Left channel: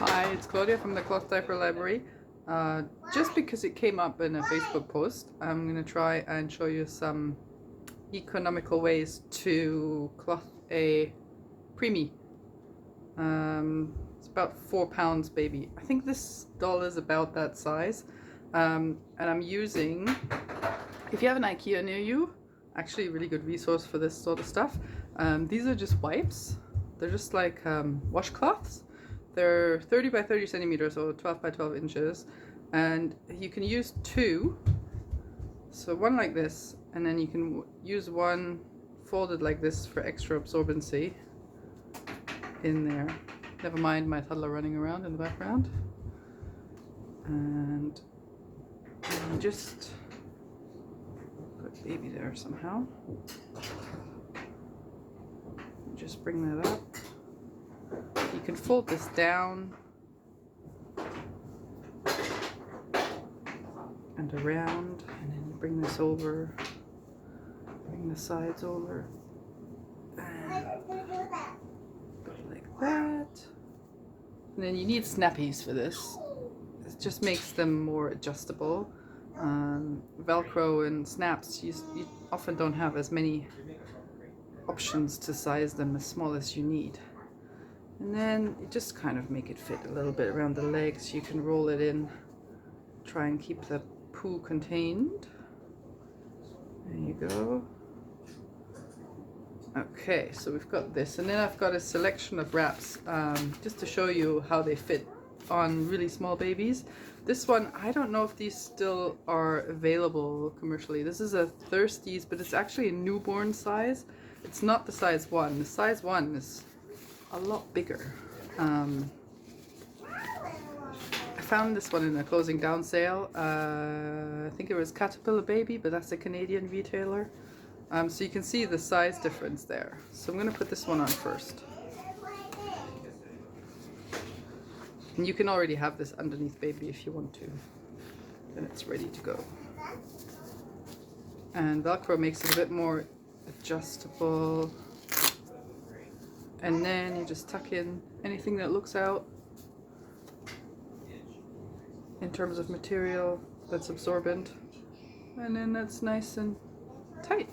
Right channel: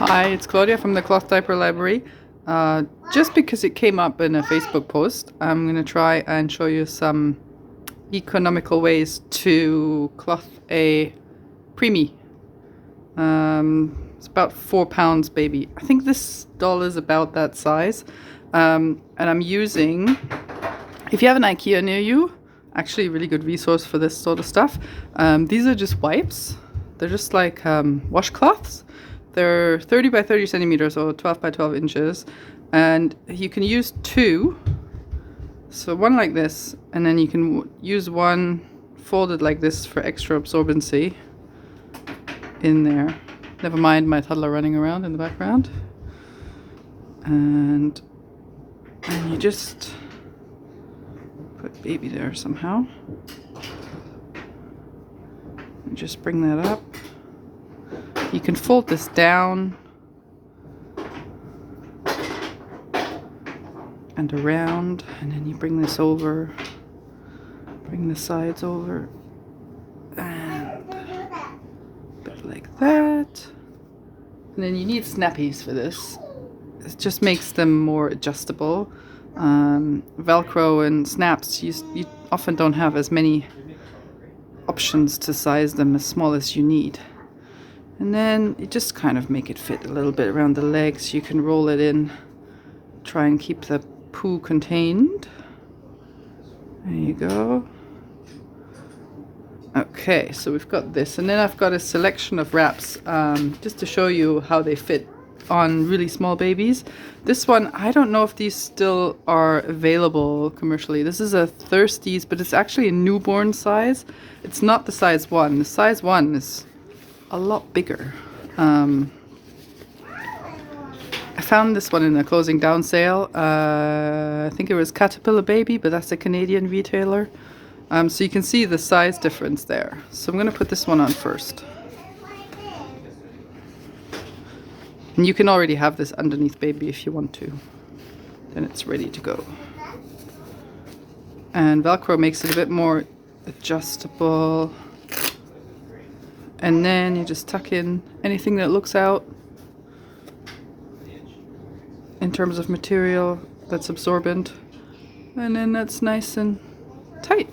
Hi, it's Claudia from the Cloth Diaper Library. Just because it came up in a Facebook post, I'm going to try and show you some economical ways to cloth a preemie. It's about 4 pounds, baby. I think this doll is about that size. And I'm using, if you have an IKEA near you, actually a really good resource for this sort of stuff. These are just wipes. They're just like washcloths. They're 30 by 30 centimeters or 12 by 12 inches. And you can use two. So one like this, and then you can use one folded like this for extra absorbency in there. Never mind my toddler running around in the background. And you just put baby there somehow. And just bring that up. You can fold this down and around, and then you bring this over, bring the sides over, and a bit like that. And then you need snappies for this. It just makes them more adjustable. Velcro and snaps, you often don't have as many options to size them as small as you need. And then you just kind of make it fit a little bit around the legs. You can roll it in, try and keep the poo contained. There you go. Okay, so we've got this, and then I've got a selection of wraps just to show you how they fit on really small babies. This one, I don't know if these still are available commercially. This is a Thirsties, but it's actually a newborn size. It's not the size 1. The size 1 is a lot bigger. I found this one in a closing down sale. I think it was Caterpillar Baby, but that's a Canadian retailer. So you can see the size difference there. So I'm going to put this one on first. And you can already have this underneath baby if you want to. Then it's ready to go. And Velcro makes it a bit more adjustable. And then you just tuck in anything that looks out in terms of material that's absorbent. And then that's nice and tight.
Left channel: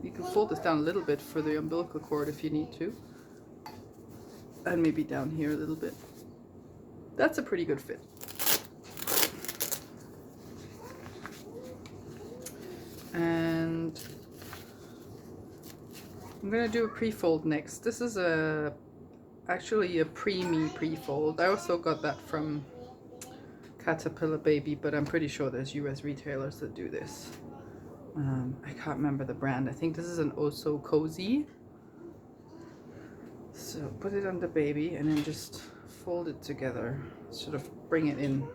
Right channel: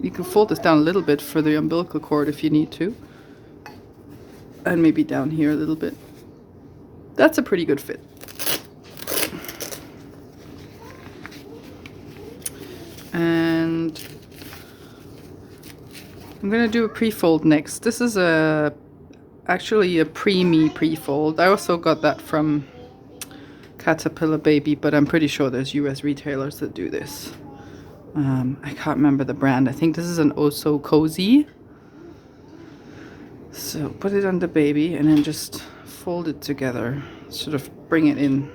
You can fold this down a little bit for the umbilical cord if you need to. And maybe down here a little bit. That's a pretty good fit. And I'm going to do a prefold next. This is actually a Preemie Prefold. I also got that from Caterpillar Baby, but I'm pretty sure there's US retailers that do this. I can't remember the brand. I think this is an Oh So Cozy. So put it on the baby and then just fold it together. Sort of bring it in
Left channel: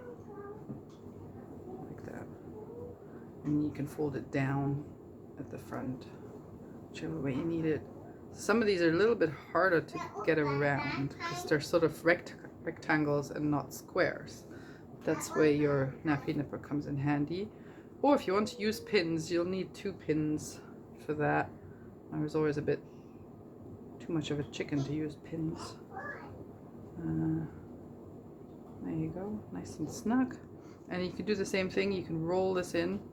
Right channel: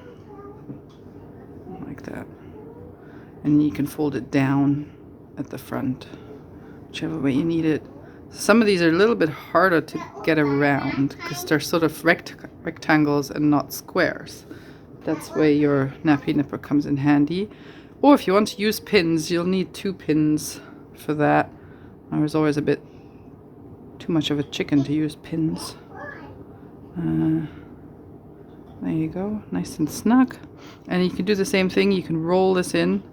like that. And you can fold it down at the front, whichever way you need it. Some of these are a little bit harder to get around because they're sort of rectangles and not squares. That's where your nappy nipper comes in handy. Or if you want to use pins, you'll need 2 pins for that. I was always a bit too much of a chicken to use pins. There you go, nice and snug. And you can do the same thing. You can roll this in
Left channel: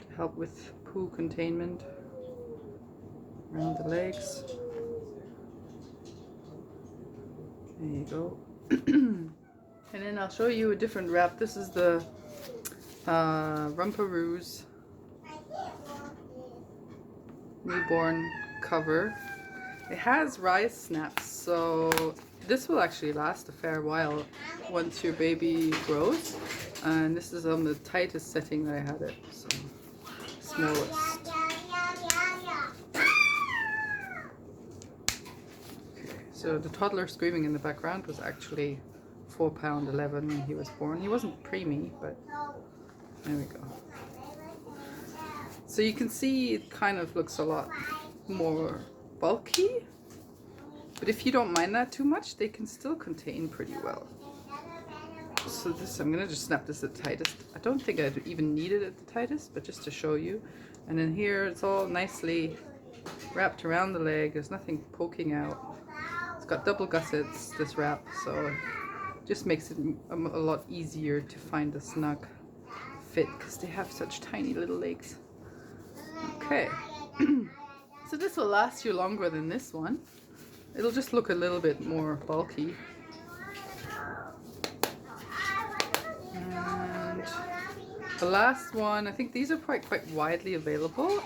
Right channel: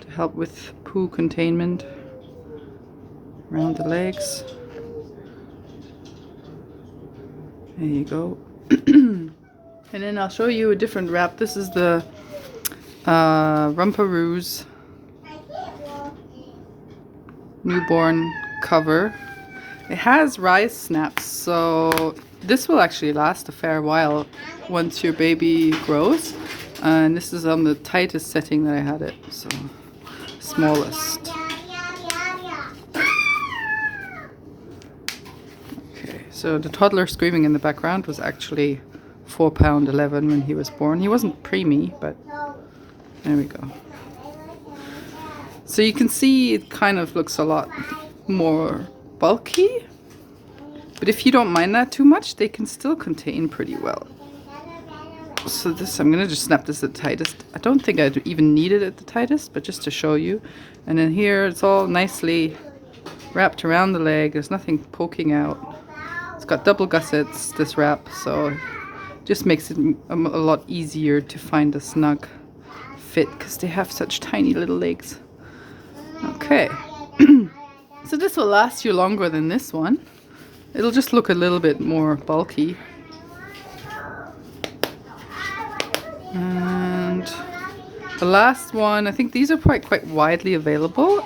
to help with poo containment around the legs. There you go. And then I'll show you a different wrap. This is the Rumparooz newborn cover. It has rise snaps, so this will actually last a fair while once your baby grows. And this is on the tightest setting that I had it, so smallest. Okay, so the toddler screaming in the background was actually 4 pound 11 when he was born. He wasn't preemie, but there we go. So you can see it kind of looks a lot more bulky, but if you don't mind that too much, they can still contain pretty well. So this, I'm gonna just snap this at the tightest. I don't think I'd even need it at the tightest, but just to show you. And then here it's all nicely wrapped around the leg. There's nothing poking out. It's got double gussets, this wrap, so just makes it a lot easier to find a snug fit because they have such tiny little legs. Okay, so this will last you longer than this one. It'll just look a little bit more bulky. And the last one, I think these are quite widely available.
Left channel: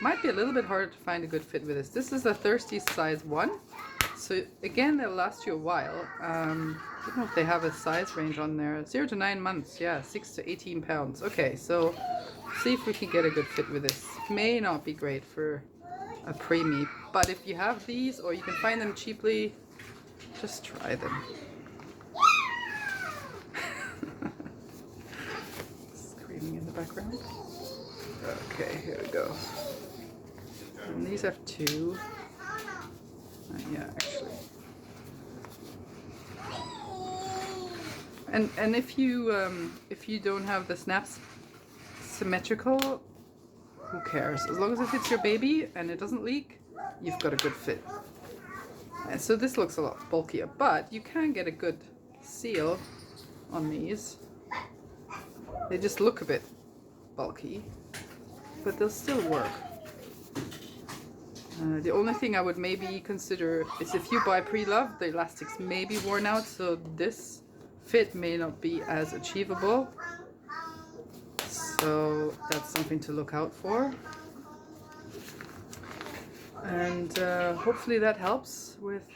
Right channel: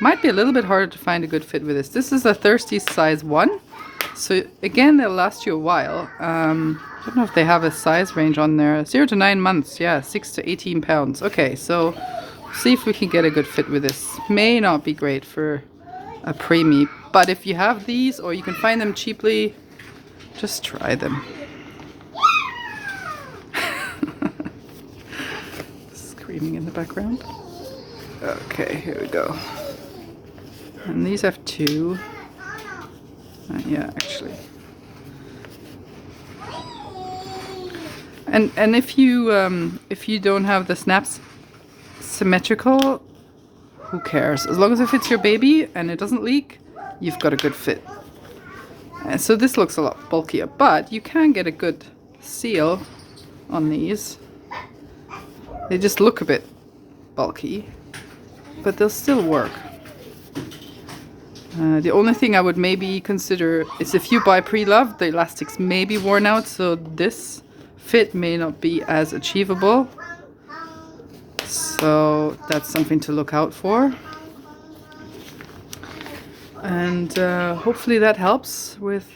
Might be a little bit harder to find a good fit with this. This is a Thirsty size 1. So again, they'll last you a while. I don't know if they have a size range on there. 0 to 9 months, yeah, 6 to 18 pounds. Okay, so see if we can get a good fit with this. May not be great for a preemie, but if you have these or you can find them cheaply, just try them. Screaming in the background. Okay, here we go. And these have 2. Yeah, actually. And if you don't have the snaps symmetrical, who cares? As long as it fits your baby and it doesn't leak, you've got a good fit. And so this looks a lot bulkier, but you can get a good seal on these. They just look a bit bulky, but they'll still work. The only thing I would maybe consider is if you buy pre-loved, the elastics may be worn out, so this fit may not be as achievable. So that's something to look out for. And hopefully that helps with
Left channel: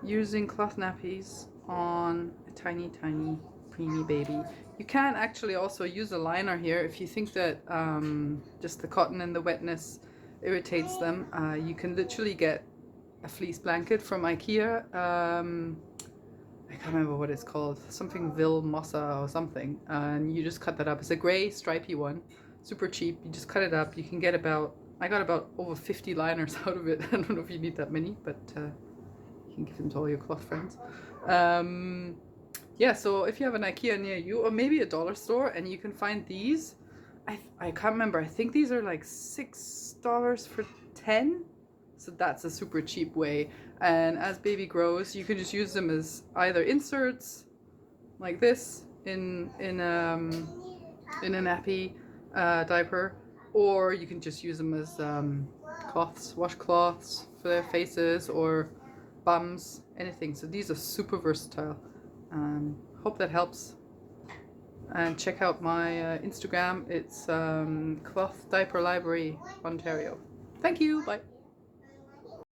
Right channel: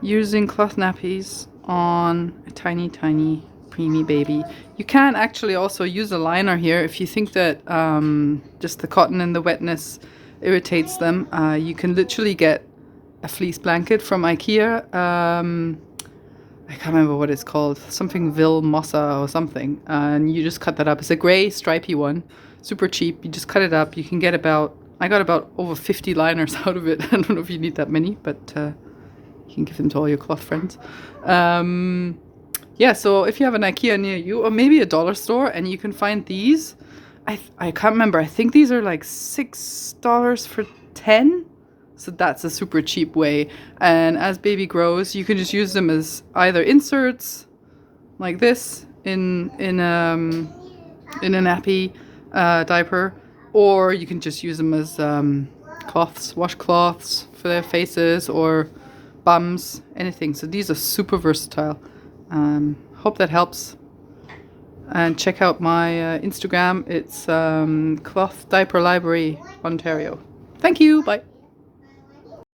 using cloth nappies on a tiny preemie baby. You can actually also use a liner here if you think that just the cotton and the wetness irritates them. You can literally get a fleece blanket from IKEA. I can't remember what it's called, something Vil Mossa or something, and you just cut that up. It's a gray stripy one, super cheap. You just cut it up. You can get I got about over 50 liners out of it. I don't know if you need that many, but you can give them to all your cloth friends. Yeah, so if you have an IKEA near you, or maybe a dollar store, and you can find these, I can't remember, I think these are like $6 for 10. So that's a super cheap way. And as baby grows, you can just use them as either inserts like this in a nappy diaper, or you can just use them as cloths, washcloths for their faces or bums, anything. So these are super versatile. Hope that helps. And check out my Instagram. It's Cloth Diaper Library, Ontario. Thank you. Bye.